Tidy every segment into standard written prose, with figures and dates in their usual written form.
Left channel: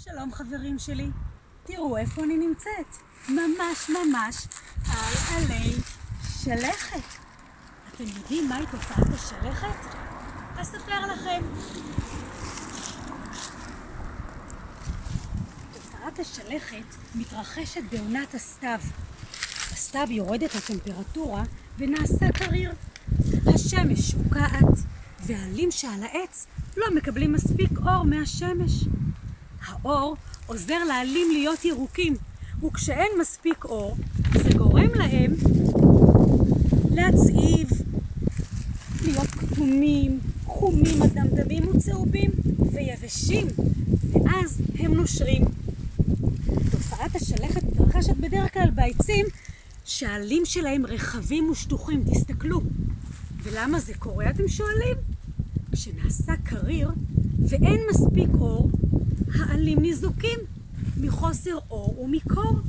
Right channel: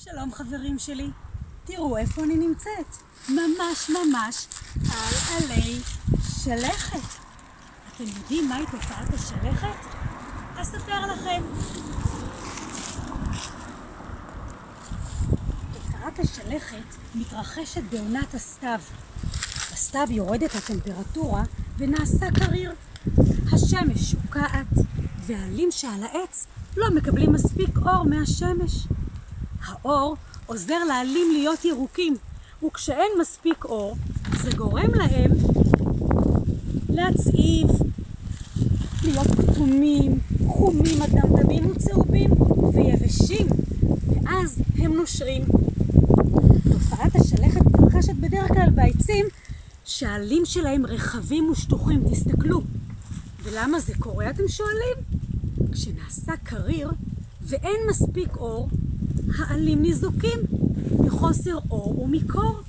שלום חברים שלי, תראו איפה אני נמצאת. ממש על עלי שלכת. אתם יודעים מהי תופעת השלכת? אספר לכם. תופעת השלכת מתרחשת בעונת הסתיו. בסתיו יורדת הטמפרטורה ונעשה קריר. השמש שוקעת והעלים שעל העץ לא מקבלים מספיק אור מהשמש. האור עוזר לעלים להיות ירוקים, וכשאין מספיק אור, זה גורם להם להצעיב, להיות כתומים, חומים, אדמדמים וצהובים ויבשים, ואז הם נושרים. תופעת השלכת מתרחשת בדרך כלל בעצים שהעלים שלהם רחבים ושטוחים. תסתכלו. ולמה זה קורה, אתם שואלים? כשנעשה קריר ואין מספיק אור, העלים ניזוקים מחוסר אור ומקור.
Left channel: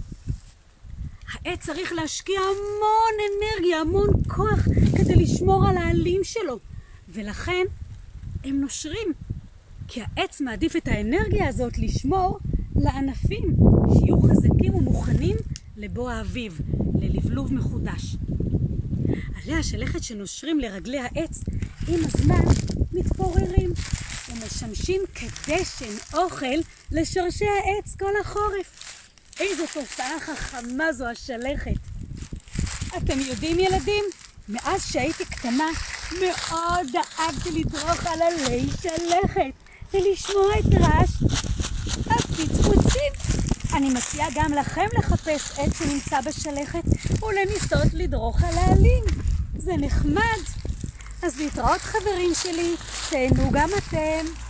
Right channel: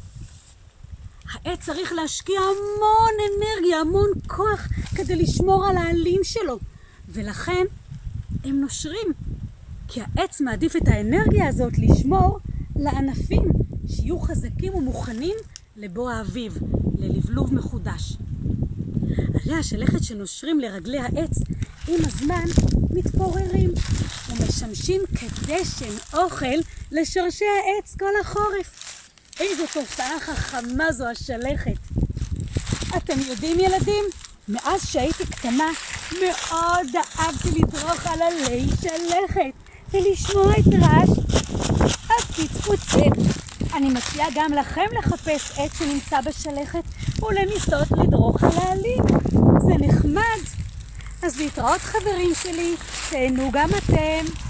העץ צריך להשקיע המון אנרגיה, המון כוח כדי לשמור על העלים שלו, ולכן הם נושרים, כי העץ מעדיף את האנרגיה הזאת לשמור לענפים שיהיו חזקים ומוכנים לבוא האביב, ללבלוב מחודש. עלי השלכת שנושרים לרגלי העץ עם הזמן מתפוררים ומשמשים כדשן אוכל לשורשי העץ כל החורף. איזו תופעה חכמה זו השלכת. אתם יודעים ילדים, מאז שהייתי קטנה מאוד אהבתי לדרוך על עלי שלכת ולשמוע את רעש הפצפוצים. אני מציעה גם לכם לחפש עץ שנמצא בשלכת ולנסות לדרוך על העלים. זה נחמד. אז להתראות חברים שלי, תהנו גם אתם.